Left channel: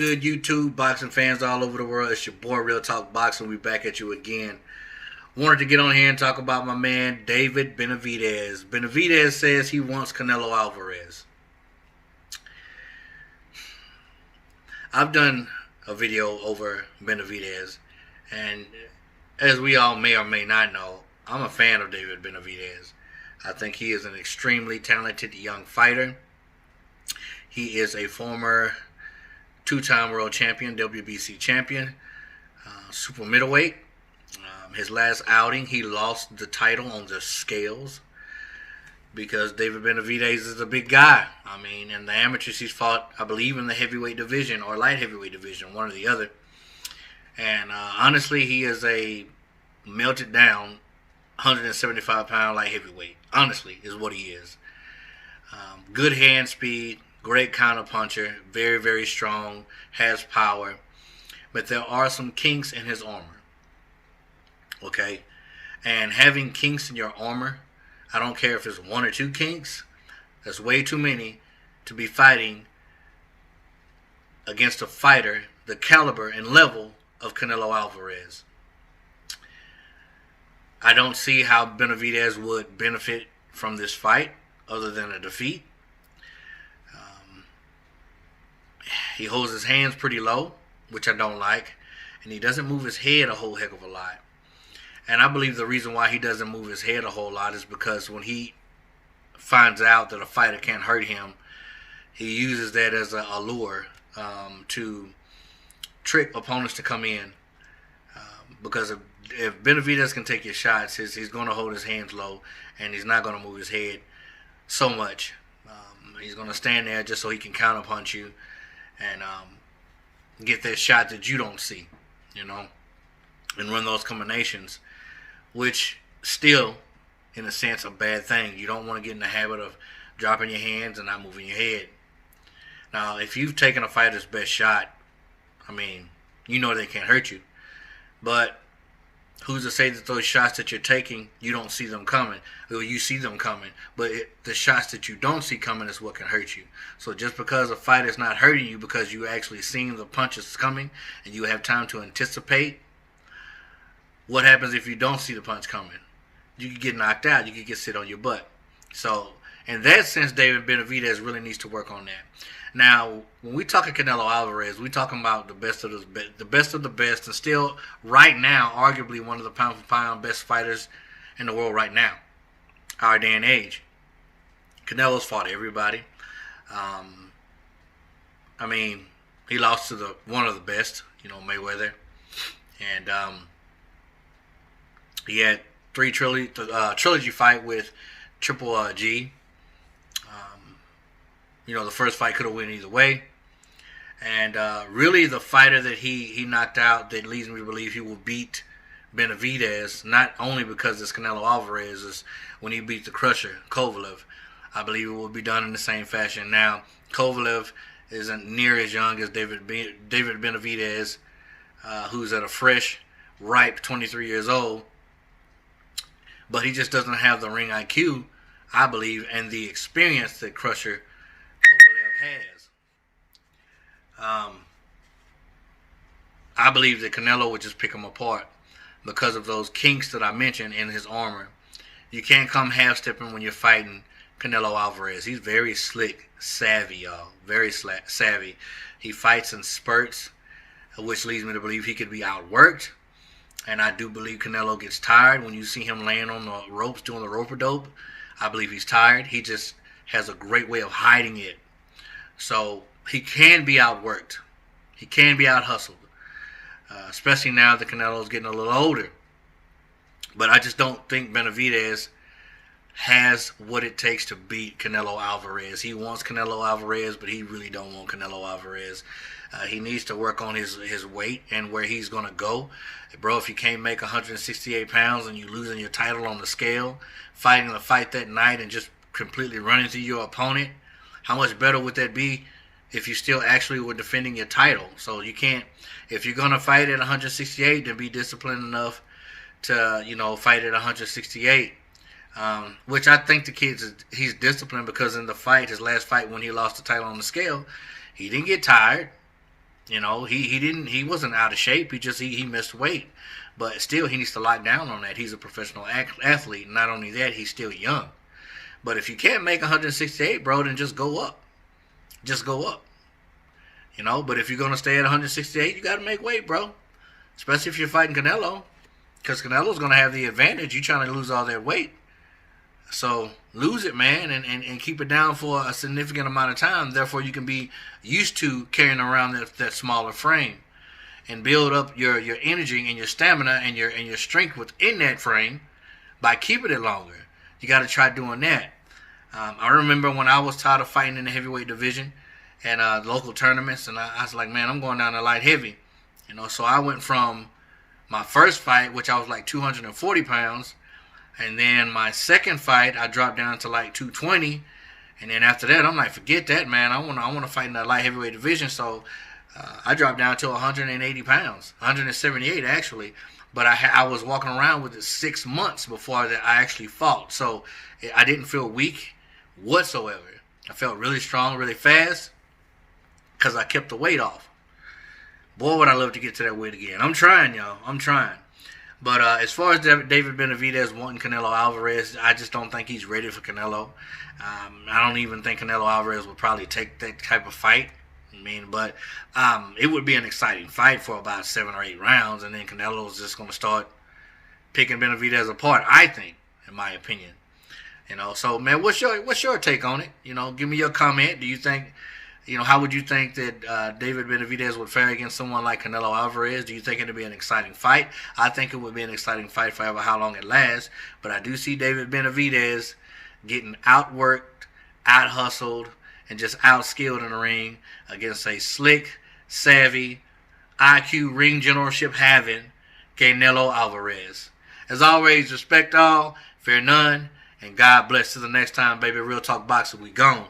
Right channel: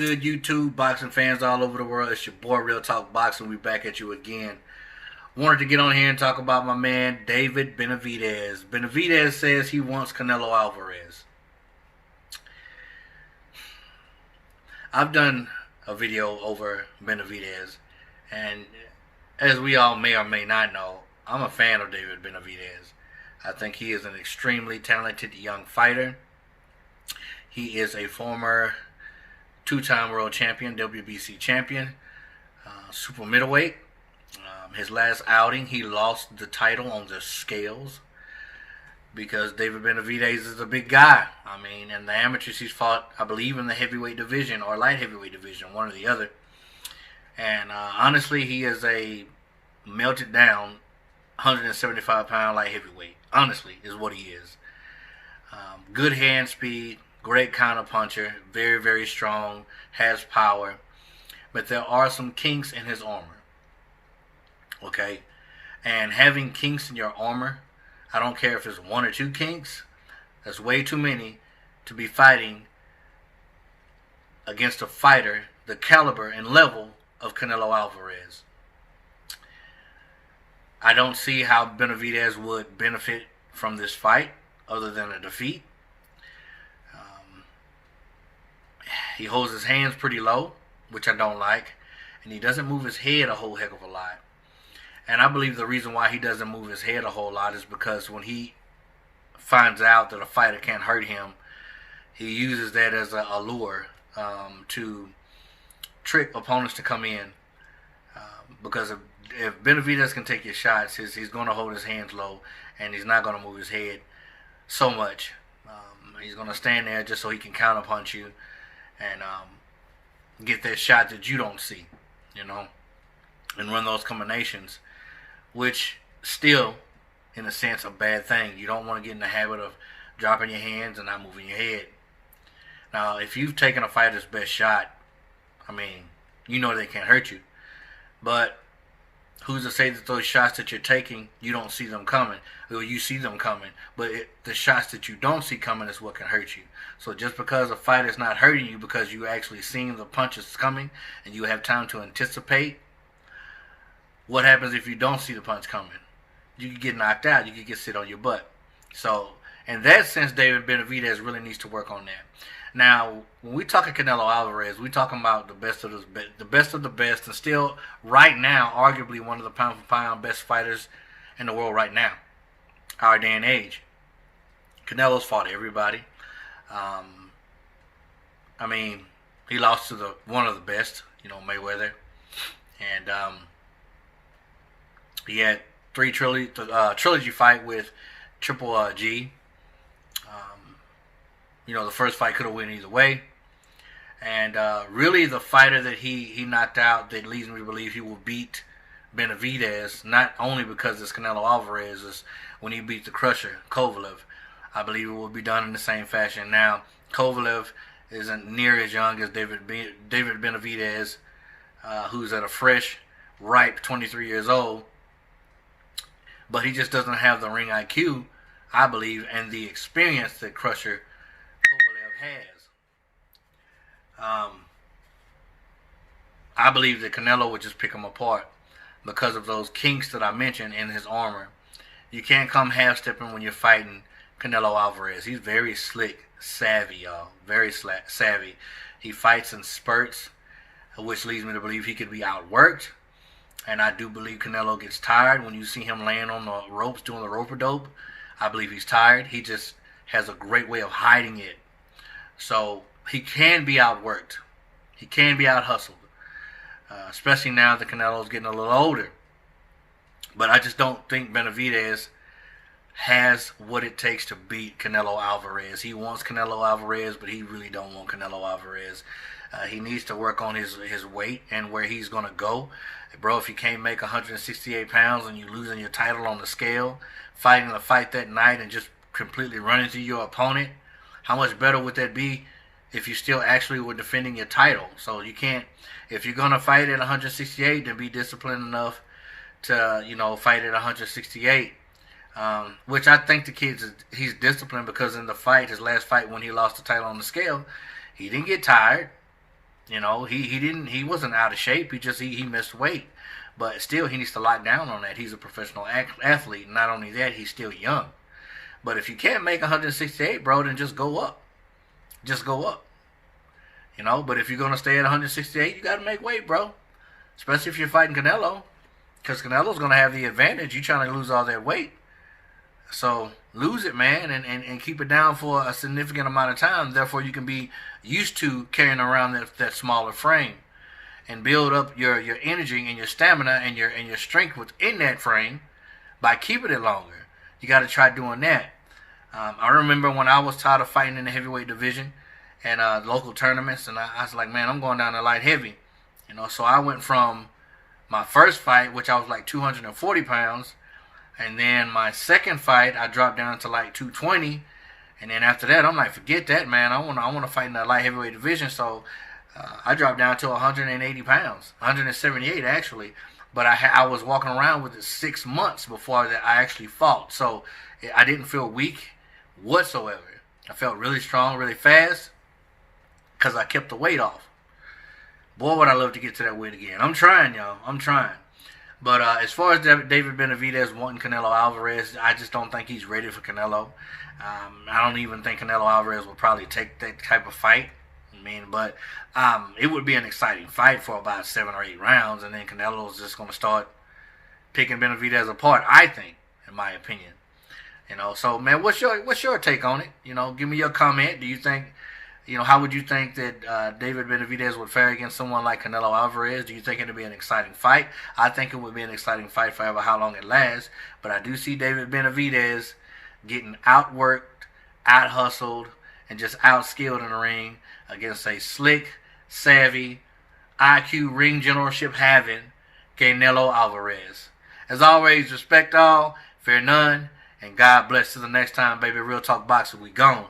good, YouTube boxing fans all over the world? It's your boy Real Talk Boxing. We back at you again. Wanted to get on here and talk about my man David Benavidez. Benavidez says he wants Canelo Alvarez. I've done a video over Benavidez, and as we all may or may not know, I'm a fan of David Benavidez. I think he is an extremely talented young fighter. He is a former two-time world champion, WBC champion, super middleweight. His last outing, he lost the title on the scales because David Benavidez is a big guy. I mean, in the amateurs, he's fought, I believe, in the heavyweight division or light heavyweight division, one or the other. And honestly, he is a melted down 175-pound light heavyweight. Honestly, is what he is. Good hand speed, great counter puncher, very, very strong, has power. But there are some kinks in his armor. Okay? And having kinks in your armor, I don't care if it's one or two kinks, that's way too many to be fighting against a fighter the caliber and level of Canelo Alvarez. I don't see how Benavidez would benefit from this fight other than a defeat. He holds his hands pretty low, which I don't like, and he doesn't move his head a whole heck of a lot. And I believe the reason why he doesn't move his head a whole lot is because when he finds out that a fighter can't hurt him, he uses that as a lure to trick opponents to come in. Because if Benavidez can take his shots, he's going to hold his hands low, and he's not going to move his head so much. He's going to stand there just so he can counterpunch you and get that shot that you don't see, you know, and run those combinations, which still, in a sense, a bad thing. You don't want to get in the habit of dropping your hands and not moving your head. Now, if you've taken a fighter's best shot, I mean, you know they can't hurt you. But who's to say that those shots that you're taking, you don't see them coming? Or you see them coming, but the shots that you don't see coming is what can hurt you. So just because a fighter's not hurting you because you actually seen the punches coming and you have time to anticipate, what happens if you don't see the punch coming? You could get knocked out. You could get sit on your butt. So in that sense, David Benavidez really needs to work on that. Now, when we talk Canelo Alvarez, we're talking about the best of the best, and still, right now, arguably one of the pound-for-pound best fighters in the world right now, our day and age. Canelo's fought everybody. I mean, he lost to one of the best, Mayweather, and he had trilogy fight with Triple G. The first fight could have went either way. And really the fighter that he knocked out that leads me to believe he will beat Benavidez, not only because it's Canelo Alvarez, is when he beat the Crusher, Kovalev. I believe it will be done in the same fashion. Now, Kovalev isn't near as young as David Benavidez, who's at a fresh, ripe 23 years old. But he just doesn't have the ring IQ, I believe, and the experience that Crusher has. I believe that Canelo would just pick him apart because of those kinks that I mentioned in his armor. You can't come half-stepping when you're fighting Canelo Alvarez. He's very slick, savvy, y'all. Very savvy. He fights in spurts, which leads me to believe he could be outworked. And I do believe Canelo gets tired. When you see him laying on the ropes doing the rope-a-dope, I believe he's tired. He just has a great way of hiding it. So he can be outworked. He can be out-hustled. Especially now that Canelo's getting a little older. But I just don't think Benavidez has what it takes to beat Canelo Alvarez. He wants Canelo Alvarez, but he really don't want Canelo Alvarez. He needs to work on his weight and where he's going to go. Bro, if you can't make 168 pounds and you're losing your title on the scale, fighting the fight that night and just completely running through your opponent, how much better would that be if you still actually were defending your title? So you can't, if you're going to fight at 168, then be disciplined enough to, fight at 168. Which I think he's disciplined because in the fight, his last fight when he lost the title on the scale, he didn't get tired. He wasn't out of shape. He missed weight, but still he needs to lock down on that. He's a professional athlete. Not only that, he's still young. But if you can't make 168, bro, then just go up. Just go up. But if you're gonna stay at 168, you got to make weight, bro. Especially if you're fighting Canelo, because Canelo's gonna have the advantage. You trying to lose all that weight. So lose it, man, and keep it down for a significant amount of time. Therefore, you can be used to carrying around that smaller frame and build up your energy and your stamina and your strength within that frame by keeping it longer. You got to try doing that. I remember when I was tired of fighting in the heavyweight division and local tournaments, and I was like, man, I'm going down to light heavy. So I went from my first fight, which I was like 240 pounds, and then my second fight, I dropped down to like 220. And then after that, I'm like, forget that, man. I want to fight in the light heavyweight division. So I dropped down to 180 pounds, 178 actually. But I was walking around with it 6 months before that I actually fought. So I didn't feel weak whatsoever. I felt really strong, really fast, because I kept the weight off. Boy, would I love to get to that weight again. I'm trying, y'all. I'm trying. But as far as David Benavidez wanting Canelo Alvarez, I just don't think he's ready for Canelo. I don't even think Canelo Alvarez will probably take that type of fight. But it would be an exciting fight for about 7 or 8 rounds, and then Canelo's just going to start picking Benavidez apart, I think, in my opinion. So, man, what's your take on it? Give me your comment. Do you think, how would you think that David Benavidez would fare against someone like Canelo Alvarez? Do you think it would be an exciting fight? I think it would be an exciting fight forever, how long it lasts. But I do see David Benavidez getting outworked, out-hustled, and just out-skilled in the ring against a slick, savvy, IQ ring generalship having Canelo Alvarez. As always, respect all, fear none, and God bless. Till the next time, baby. Real Talk Boxing, we gone.